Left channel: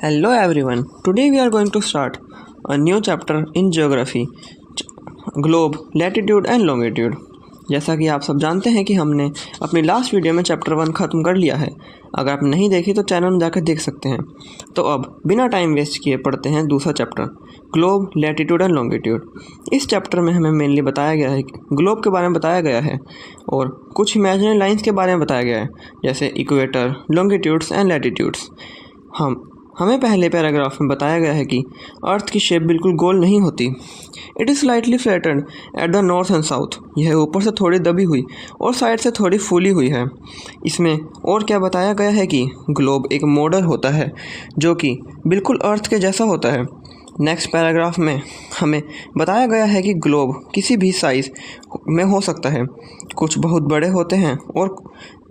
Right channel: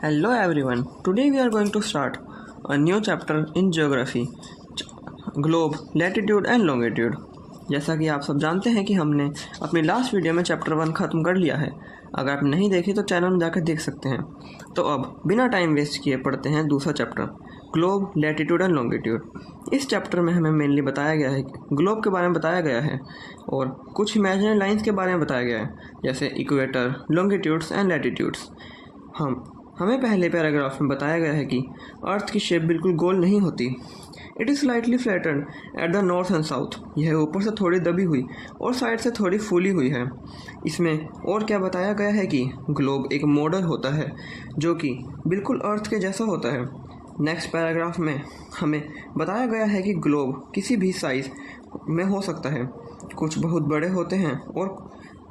Hello everyone. Today we are going to start a new chapter in geography, globe, latitude and longitude. जैसा कि आप सब जानते हैं कि हमने अपनी लास्ट वीडियो में चैप्टर 1 ख़त्म कर लिया है। अगर आप नहीं देखी तो चैनल में जाकर देख सकते हैं। तो अब बिना टाइम वेस्ट किए पढ़ते हैं दूसरा chapter, globe, latitude and longitude. इस चैप्टर में हमें मेनली बताया गया है, ग्लोब के बारे में बताया गया है और कुछ इमेजिनरी लाइंस के बारे में बताया गया है, जैसे इक्वेटर, लॉन्गिट्यूड्स एंड लैटिट्यूड्स। हमें पहले पैराग्राफ में बताया गया है कि अर्थ की शेप बिल्कुल गोल नहीं होती। It is slightly flattened at the north and south. यह ऊपर से थोड़ी दबी हुई और साइड से थोड़ी फूली हुई है। इसमें और क्या बताया गया है कि ग्लोब एक मॉडल होता है जो कि बिल्कुल अर्थ के जैसा होता है। नेक्स्ट पैराग्राफ में हमें बताया गया है कि ग्लोब किसी भी साइज़ में हो सकता है। कुछ बहुत बड़े होते हैं और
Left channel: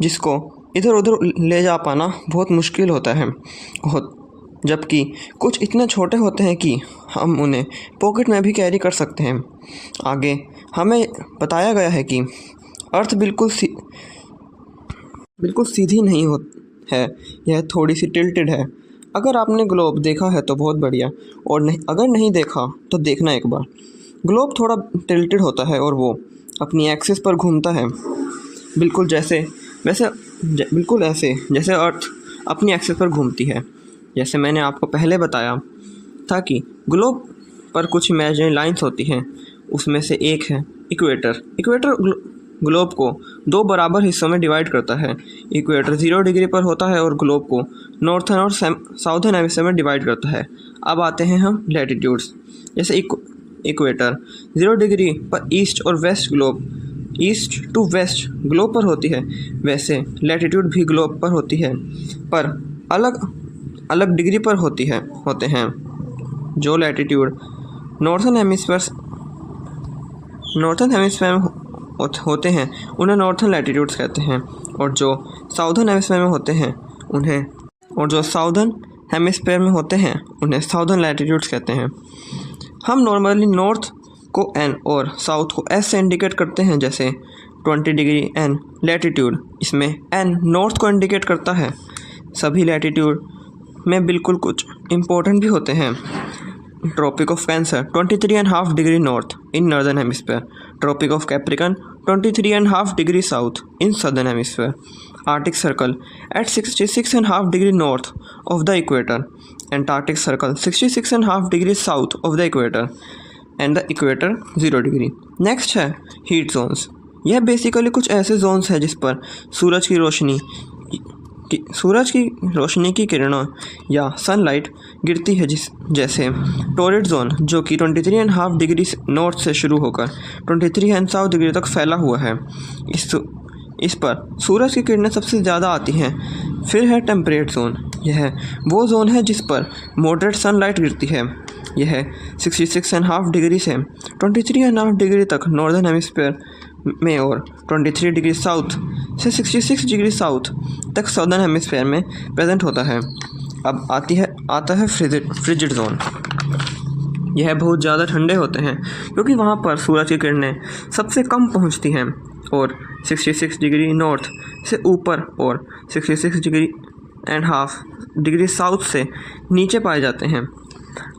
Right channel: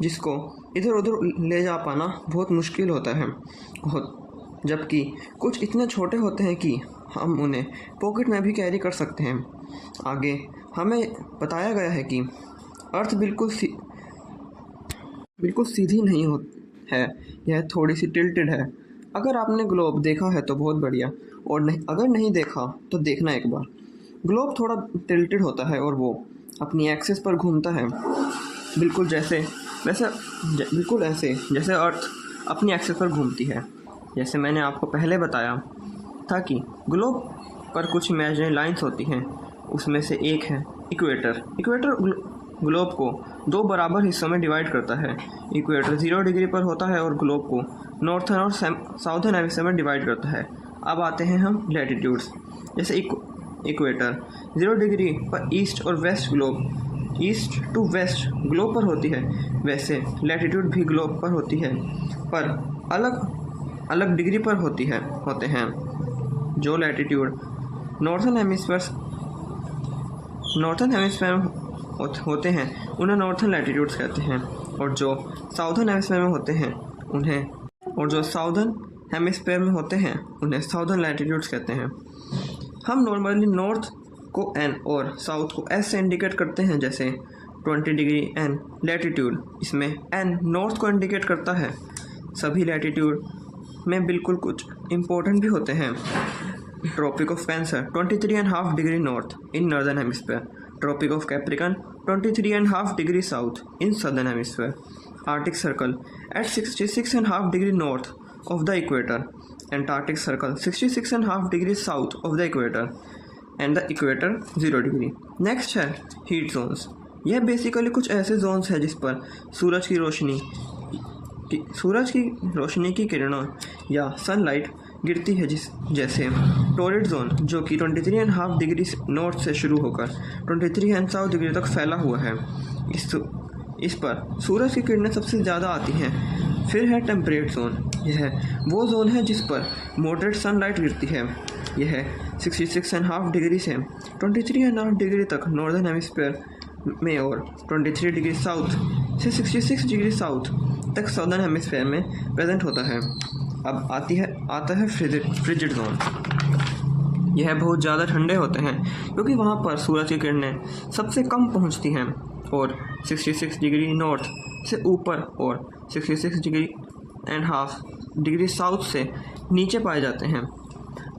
जिसको इधर उधर ले जा पाना बहुत मुश्किल होता है, जबकि कुछ इतने छोटे होते हैं कि हम उन्हें पॉकेट में भी कैरी कर सकते हैं। आगे हमें बताया गया है कि अर्थ बिल्कुल सीधी नहीं है, यह थोड़ी सी टिल्टेड है। अगर आपने ग्लोब देखा है तो बहुत बढ़िया, और नहीं अगर नहीं देखा तो देखना एक बार। ग्लोब थोड़ा टिल्टेड होता है और वो अपनी एक्सिस पर घूमता है, बिल्कुल ऐसे जैसे अर्थ अपनी एक्सिस पर घूमती है। जैसे मैंने आपको पहले बताया था कि ग्लोब पर कुछ इमेजिनरी लाइंस होती हैं, उसमें से एक है इक्वेटर। इक्वेटर ग्लोब को दो बराबर हिस्सों में डिवाइड करता है। इक्वेटर 0 डिग्री पर होता है और ग्लोब को नॉर्थर्न और साउथर्न हेमिस्फीयर में डिवाइड करता है। अब आते हैं हम लैटिट्यूड्स। जैसे इक्वेटर 0 डिग्री पर ईस्ट और west globe, east to west globe पर होती है, वैसे लैटिट्यूड भी ग्लोब पर होती है, पर अलग डिग्री पर होते हैं। जो लैटिट्यूड नॉर्थर्न हेमिस्फीयर में होते हैं उन्हें नॉर्थर्न लैटिट्यूड्स कहते हैं, और जो साउथर्न हेमिस्फीयर में होते हैं उन्हें साउथर्न लैटिट्यूड्स कहते हैं। हम नॉर्मली नॉर्थ को एन और साउथ को एस से इंडिकेट करते हैं, जैसे 20 डिग्री एन लैटिट्यूड। इसमें एन नॉर्थ को इंडिकेट करता है। सभी लैटिट्यूड में बिल्कुल कुछ इम्पोर्टेंट भी होते हैं। Tropic of cancer 23.5 degree north in northern hemisphere, tropic of capricorn 23.5 degree south in southern hemisphere, arctic circle at 66.5 degree north of the equator, antarctic circle 66.5 degree south of the equator and the equator 0 degree. Next है heat zones. यह basically कुछ ऐसे Jones हैं जिस पर सूरज की किरणों या सनलाइट गिरती है, जैसे टोरिड जोन जो कि 23.5 डिग्री नॉर्थ से शुरू होकर 23.5 डिग्री तक फैला हुआ है। इस पर सूरज की किरणें सबसे ज़्यादा आती हैं। फिर है टेम्परेट जोन। यह वो जोन है जिस पर मॉडरेट सनलाइट गिरती है। यह 66.5 डिग्री से 23.5 डिग्री तक नॉर्दर्न हेमिस्फीयर में और 23 डिग्री साउथ से 66 डिग्री साउथ तक सदर्न हेमिस्फीयर में प्रेजेंट होता है। अब आता है फ्रिजिड जोन। यह बहुत ज़्यादा ठंडे होते हैं क्योंकि वहाँ पर सूरज की किरणें सबसे कम पहुँचती हैं और 66 डिग्री नॉर्थ से ऊपर और 66 degree and half degree south से नीचे पाए जाते हैं।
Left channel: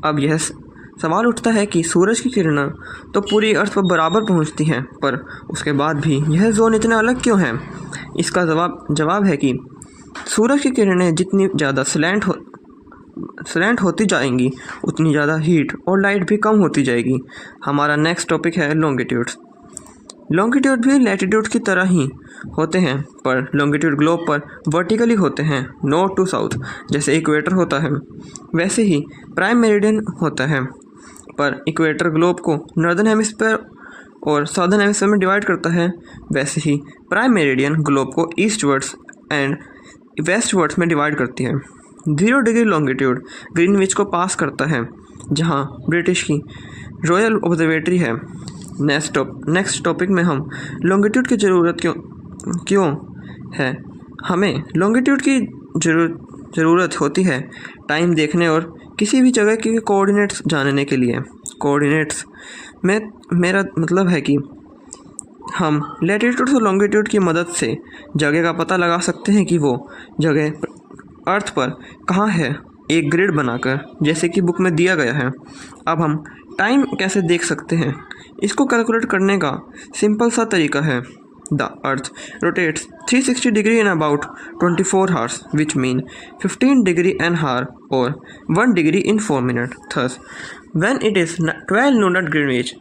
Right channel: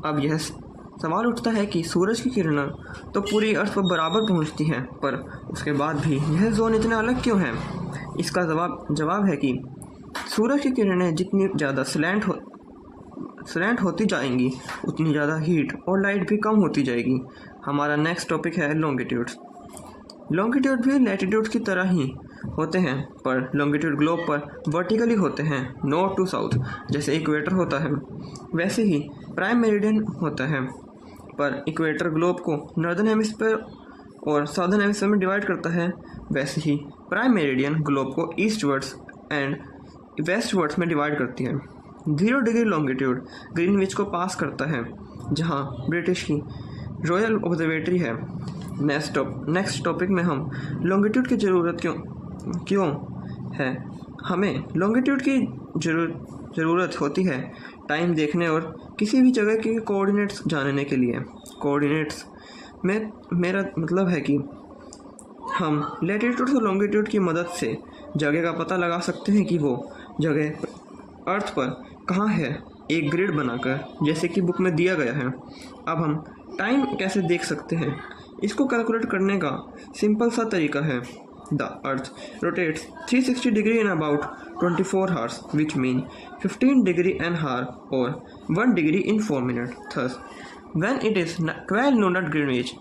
अब यह सवाल उठता है कि सूरज की किरणें तो पूरी अर्थ पर बराबर पहुंचती हैं, पर उसके बाद भी यह जोन इतना अलग क्यों है? इसका जवाब है कि सूरज की किरणें जितनी ज़्यादा स्लैंट होती जाएंगी उतनी ज़्यादा हीट और लाइट भी कम होती जाएगी। हमारा नेक्स्ट टॉपिक है लॉन्गिट्यूड्स। लॉन्गिट्यूड भी लैटिट्यूड की तरह ही होते हैं, पर लॉन्गिट्यूड ग्लोब पर वर्टिकली होते हैं, नॉर्थ टू साउथ। जैसे इक्वेटर होता है वैसे ही प्राइम मेरिडियन होता है, पर इक्वेटर ग्लोब को नॉर्दर्न हेमिस्फीयर और साउदर्न हेमिस्फीयर में डिवाइड करता है, वैसे ही प्राइम मेरिडियन ग्लोब को ईस्टवर्ड्स एंड वेस्टवर्ड्स में डिवाइड करती है। 0 डिग्री लॉन्गिट्यूड ग्रीनविच को पास करता है, जहां ब्रिटिश की रॉयल ऑब्जर्वेटरी है। नेक्स्ट टॉपिक में हम लॉन्गिट्यूड की ज़रूरत क्यों है। हमें लॉन्गिट्यूड की ज़रूरत होती है टाइम देखने और किसी भी जगह के कोऑर्डिनेट्स जानने के लिए। कोऑर्डिनेट्स में मेरा मतलब है कि हम लैटिट्यूड और लॉन्गिट्यूड की मदद से जगह का पता लगा सकते हैं कि वो जगह अर्थ पर कहाँ है एक ग्रिड बनाकर, जैसे कि बुक में दिया गया है। अब हम टाइम कैसे देख सकते हैं? इसको कैलकुलेट करने का सिंपल सा तरीका है। The earth rotates 360 degree in about 24 hours, which mean 15 degree an hour और 1 degree in 4 minutes. Thus, when it is 12 noon at Greenwich,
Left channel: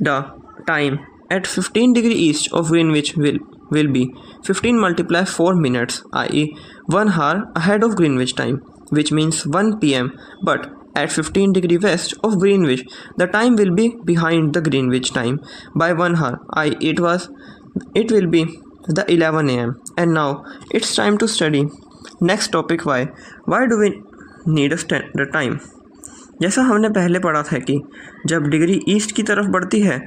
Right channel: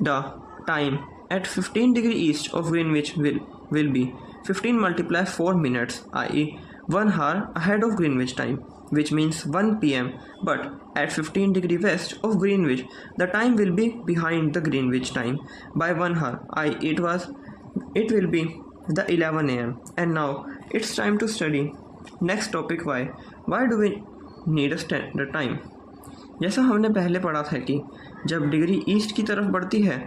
the time at 15 degree east of Greenwich will be 15 multiplied 4 minutes, i.e. 1 hour ahead of Greenwich time, which means 1 p.m. But at 15 degree west of Greenwich, the time will be behind the Greenwich time by 1 hour, i.e. it will be the 11 a.m. And now it's time to study next topic. Why do we need a standard time? जैसा हमने पहले पढ़ा था कि जब degree east की तरफ बढ़ती है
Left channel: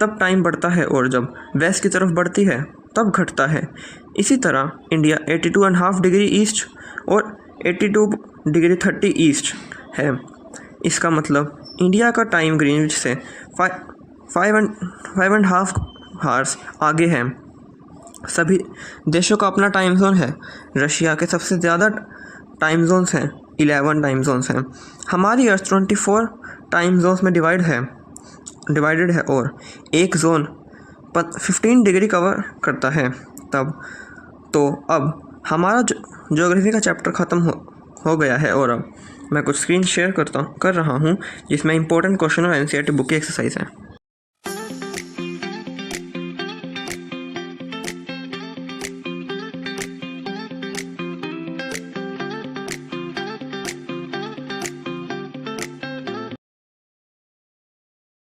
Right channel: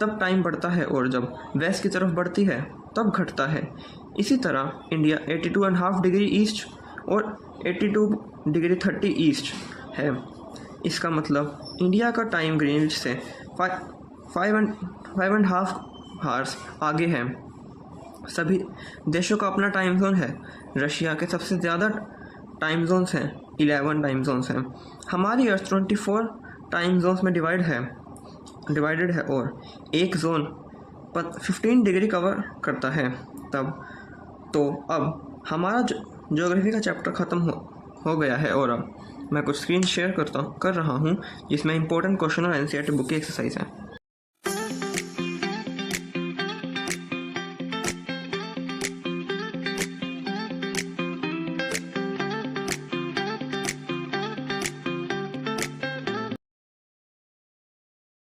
तब टाइम बढ़ता है और जब वेस्ट की तरफ बढ़ती है तब घटता है। इसी तरह इंडिया 82.5 डिग्री ईस्ट और 82 डिग्री 30 ईस्ट है। इसका मतलब इंडिया का टाइम ग्रीनविच से 5.5 हार्स आगे है। सभी देशों का अपना टाइम जोन है। रशिया के सबसे ज़्यादा टाइम जोन्स हैं, 11 टाइम जोन्स हैं। हमारी अर्थ 24 टाइम जोन्स में डिवाइडेड है और एक जोन 15 डिग्री कवर करता है। अब हमारा ज्योग्राफी का चैप्टर ख़त्म हो गया है और अब मैं कुछ स्क्रीन शेयर कर रहा हूँ जिसमें इंपॉर्टेंट क्वेश्चन और एनसीईआरटी बुक की एक्सरसाइज है।